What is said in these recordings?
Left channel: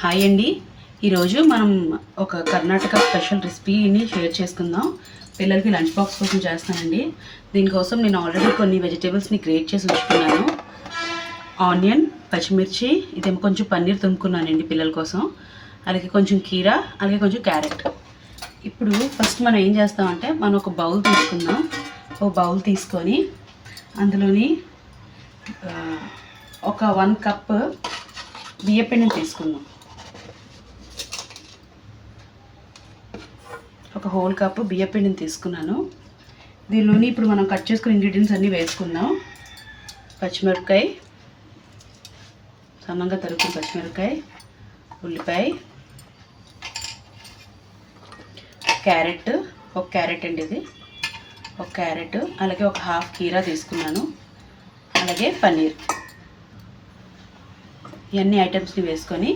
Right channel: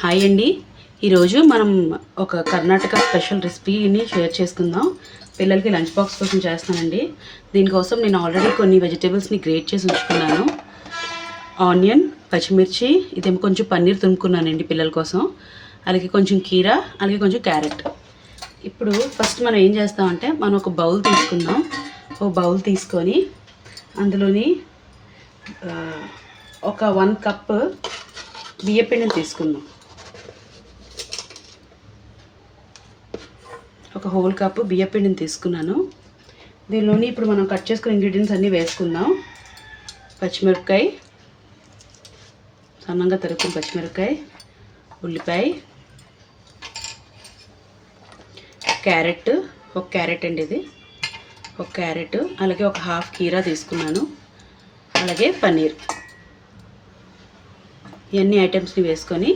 Hi అండి. ఈరోజు మనం ఒక కర్ణాటక స్పెషల్ రెసిపీని షేర్ చేసుకుందాం. పిల్లలకి లంచ్ బాక్స్ కోసం చేస్తానండి. దీనికోసం నేను ఆల్రెడీ కొన్ని వెజిటేబుల్స్ని గ్రేట్ చేసి ఉంచుకున్నాను. ఆనియన్, పచ్చిమిర్చి, ఇదేమో కొంచెం పన్నీర్ తురుముకున్నానండి పిల్లల కోసం. అలాగే కొంచెం కీరా, అలాగే కొంచెం క్యారెట్. ఇప్పుడు ఫస్ట్ మనం ఏం చేస్తామంటే మనం ఒక బౌల్ తీసుకుందాం. ఒక బౌల్ తీసుకొని అందులోని ఒక 1 కప్ బియ్యపిండిని తీసుకుందాం. ఒక హోల్ కప్పు బియ్యపిండిని తీసుకున్నాను. దీనిలోని ఇప్పుడు మనం కట్ చేసుకున్న ఇంగ్రీడియంట్స్ అన్నీ వేసుకుందాం. పచ్చిమిరపకాయ, సన్నంగా తరుక్కున్న పచ్చిమిరపకాయ, ఉల్లిపాయ, క్యారెట్, ఒక క్యారెట్ అండి ఇది, ఒక క్యారెట్, అలాగే ఒక హాఫ్ కీరా తీసుకున్నాను, అలాగే పన్నీర్. ఇవన్నీ ఐటమ్స్ని వేసుకొని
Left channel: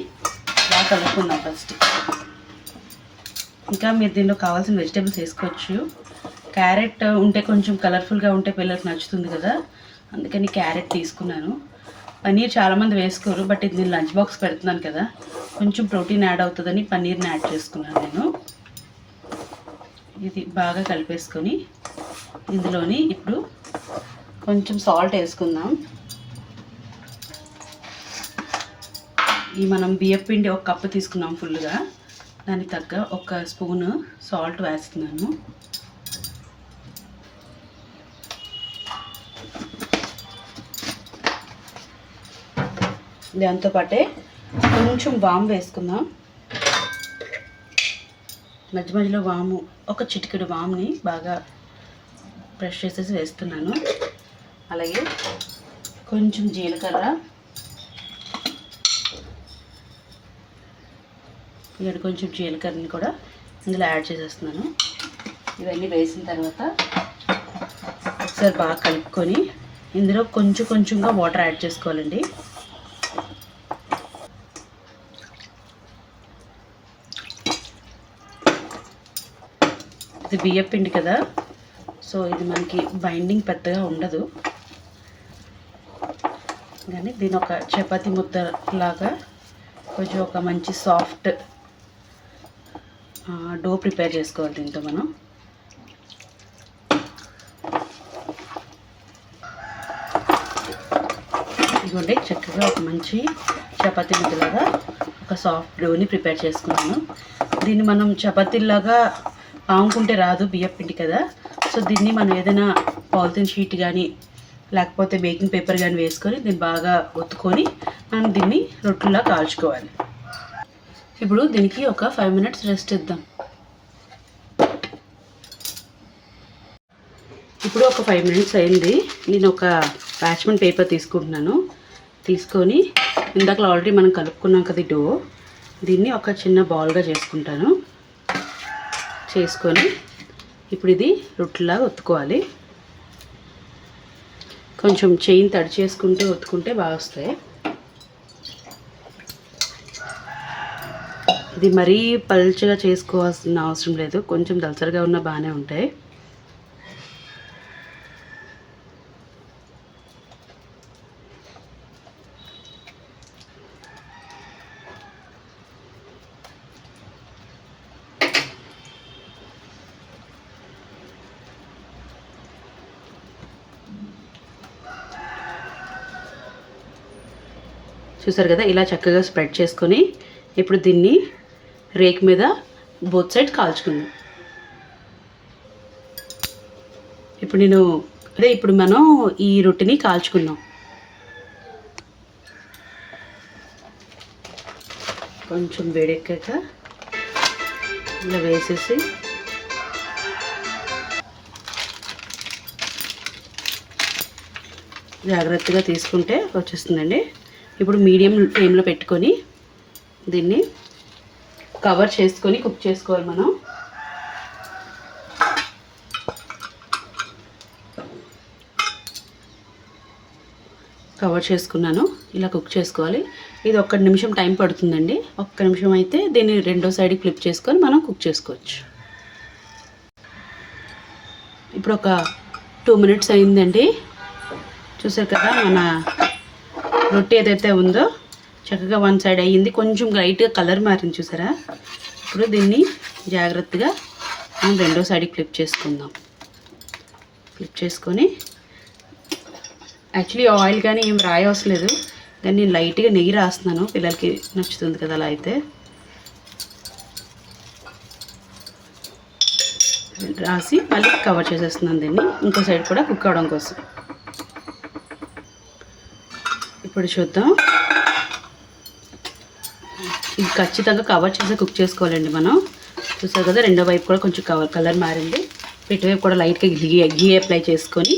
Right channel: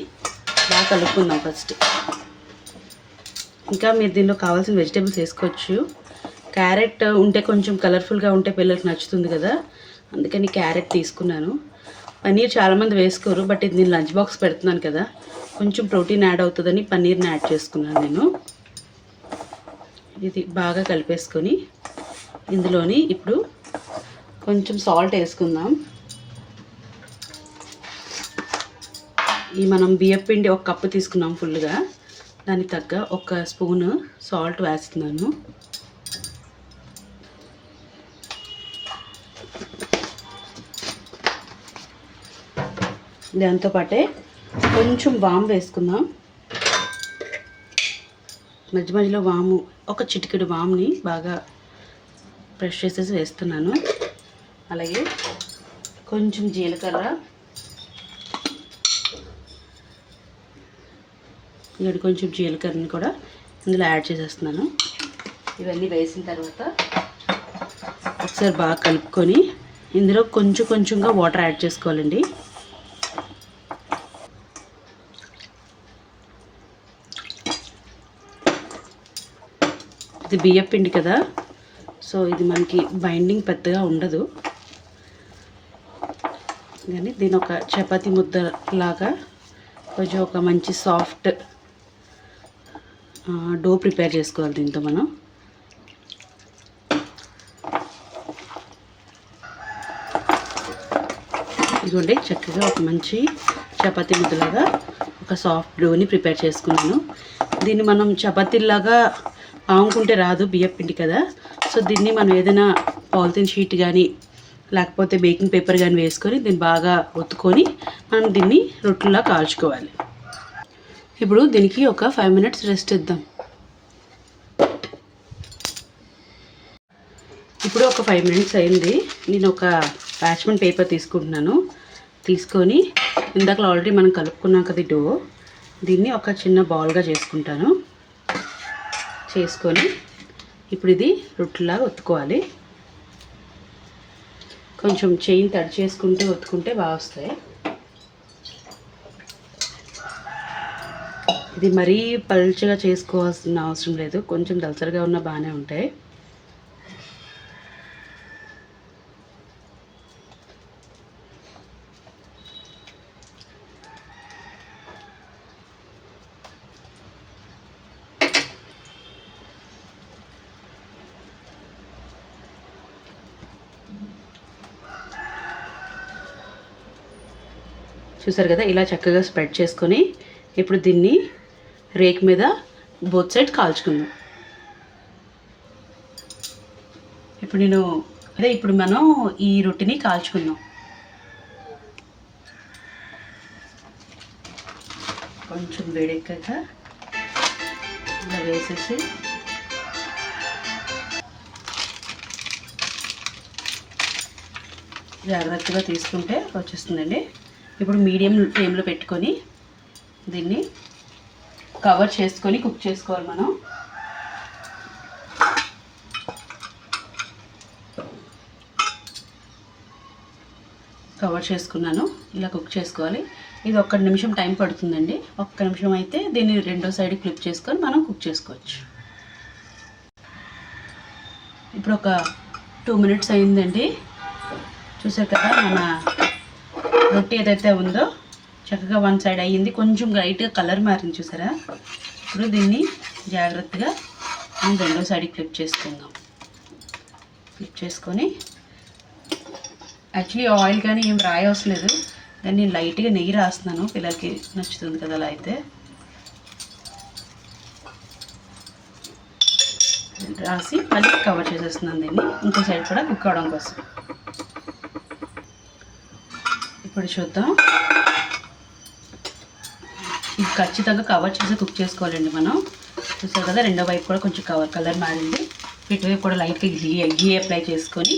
బాగా కలుపుకుందాం ఫస్ట్. ఇంకా మీరు దీనిలో కావాల్సిన వెజిటేబుల్స్ వేసుకోవచ్చు. క్యారెట్ ఉంటే కొంచెం కలర్ఫుల్గా ఉంటే పిల్లలకు నచ్చుతుంది కదా, అందుకని క్యారెట్ తీసుకున్నాను. పన్నీర్ చాలామంది వేసుకోరు, బట్ ఇది నేను లంచ్ బాక్స్ పెడుతున్నాను కదా, కొంచెం ప్రోటీన్ యాడ్ అవుతుందని పన్నీర్ని యాడ్ చేసుకున్నాను నేను. ఇది బాగా కలిపేసుకొని ఇందులోని ఇప్పుడు కొంచెం సాల్ట్ వేసుకుందాం. ఈ మనం బియ్యపిండి 1 కప్పు తీసుకున్నాం ఫుల్గా, దానికి తగ్గ 1 స్పూను సాల్ట్ వేస్తున్నాను. దాంతోపాటే కొంచెం వాము వేసుకుందాం. మధ్య మధ్యలో వాము, ఒక చిటికెడు వాముని బాగా బ్రష్ చేసేసి వేస్తున్నాను. అలాగే కొంచెం జీలకర్ర, ఇక్కడ కొంచెం జీలకర్రని కూడా ఇందులో యాడ్ చేసేస్తున్నాను. ఇవన్నీ వేసిన తర్వాత ఒకసారి బాగా కలుపుకొని ఇందులో కొంచెంగా వాటర్ యాడ్ చేసుకోవాలండి. ఇది బియ్యం పిండి కదా, సో ఇది మనకి బైండింగ్ పెద్దగా ఉండదు, కానీ దీని ఒక చపాతీ ముద్ద లాగా కొంచెం ఒక మంచి సాఫ్ట్ డో ప్రిపేర్ చేసుకోవాలి. దీంతో మనం ఇదిగోండి చక్కగా ఒక మంచి చపాతీ ముద్దలాగా ఒక సాఫ్ట్ డోని ప్రిపేర్ చేసుకున్నాను. దీన్ని మనం చపాతీలాగా ఆముకుంటే రాదు, బియ్యం పిండి కదా, సో దీన్ని మనం ఏదైనా పాలిథిన్ షీట్ కానీ లేకపోతే బేకింగ్ పేపర్ కానీ వేసుకొని దీన్ని బాగా ఒత్తుకొని మనం దీన్ని రొట్టెలా కాల్చుకోవాలి. ఇప్పుడు దీనికి ఒక 5 మినిట్స్ రెస్ట్ ఇద్దాం. ఇప్పుడు ఒక 5 మినిట్స్ అయింది. నేను ఒక పార్చ్మెంట్ పేపర్ తీసుకుంటున్నాను. తీసుకొని ఇందాక ఆల్రెడీ మనం కలుపుకున్నాం కదా డో, దీన్ని ఒక చిన్న బాల్గా చేసుకుంటాను. చేసుకొని ఇప్పుడు ఇది రొట్టెలా ఒత్తుకోవాలి. కొంచెం చెయ్యిని తడి చేసుకుంటూ ఒత్తుకుంటే బాగా వస్తాయి. ఇది మరీ పల్చగా చేసుకోవాల్సిన అవసరం లేదు, కొంచెం దలసరిగా ఉన్నా బాగానే ఉంటాయి. చూసారు కదా, ఇలా చక్కగా స్ప్రెడ్ చేసుకొని ఇప్పుడు దీన్ని రేక్ మీద బోత్ సైడ్ కాల్చుకుందాం. ఇప్పుడు మనం ఈ రొట్టెని కాల్చుకుందాం. కొంచెం వేడెక్కాక ఇలా వేసేసి జాగ్రత్తగా తీసుకుంటే వచ్చేస్తుందండి. ఇప్పుడు మీడియం ఫ్లేమ్లో పెట్టుకొని దీన్ని కవర్ చేసుకొని కుక్ చేసుకోవాలి మనం. కవర్ చేసుకున్నాను, ఇలా కుక్ చేసుకోవాలి. ఇది 1 నిమిషం టైం పడుతుందండి. 1 నిమిషం అయితే దీన్ని రెండో సైడ్కి ఫ్లిప్ చేసుకొని మనం కుక్ చేసుకోవచ్చు. ఇప్పుడు ఒక 2 మినిట్స్ అయిందండి. చూసారు కదా, మన రొట్టె ఏదైతే ఉందో చక్కగా వన్ సైడ్ అయ్యింది, కొంచెం లైట్గా కలర్ మారింది చూసారా. ఇప్పుడు దీన్ని జాగ్రత్తగా మనం రెండో సైడ్కి ఫ్లిప్ చేసుకుందాం. ఫ్లిప్ చేసుకొని యాక్చువల్లీ ఆయిల్ కానీ ఏం రాయవసరం లేదు, కానీ నేను లైట్గా నెయ్యి రాస్తున్నాను, పిల్లలకి నచ్చుతుంది కదా అలా. అయితే రాసి మళ్ళీ కవర్ చేసేస్తున్నాను దీన్ని, ఇంకో సైడ్ కూడా కుక్ అవడం కోసం. ఇప్పుడు చూద్దాం, ఇది ఖచ్చితంగా కవర్ చేసి కుక్ చేసుకోవాలండి మనం. చూసారు కదా రెండో వైపు కూడా కొంచెం కలర్ మారింది. ఇటువైపు కూడా లైట్గా గీ అప్లై చేసుకొని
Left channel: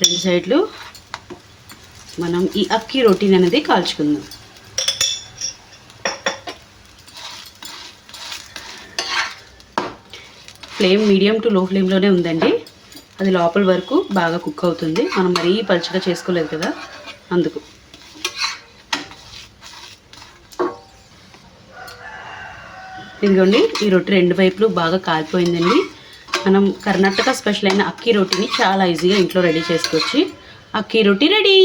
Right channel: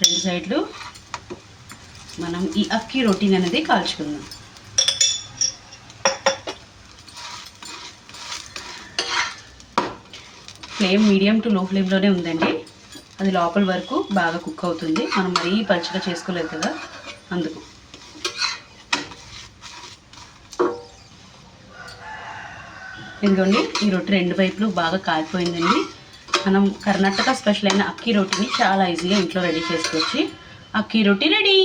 రెండు సైడ్లు మనం ఈ అక్కీ రోటీని అనేది కాల్చుకుందాం. ఫ్లేమ్ మీడియం టు లో ఫ్లేమ్లోనే ఉందండి, అది లోపల వరకు బాగా కుక్ అవుతుంది. మనం మరీ పలుచగా చేసుకోలేదు కదా అందుకు. ఇదిగోండి ఈ రొట్టె రెండు వైపులు బాగా కాలిపోయిందండి. మనం కర్ణాటక స్పెషల్ అయిన అక్కీ రొట్టిని చాలా ఈజీగా ఇంట్లో రెడీ చేసుకోవచ్చు. అక్కీ రొట్టి రెడీ.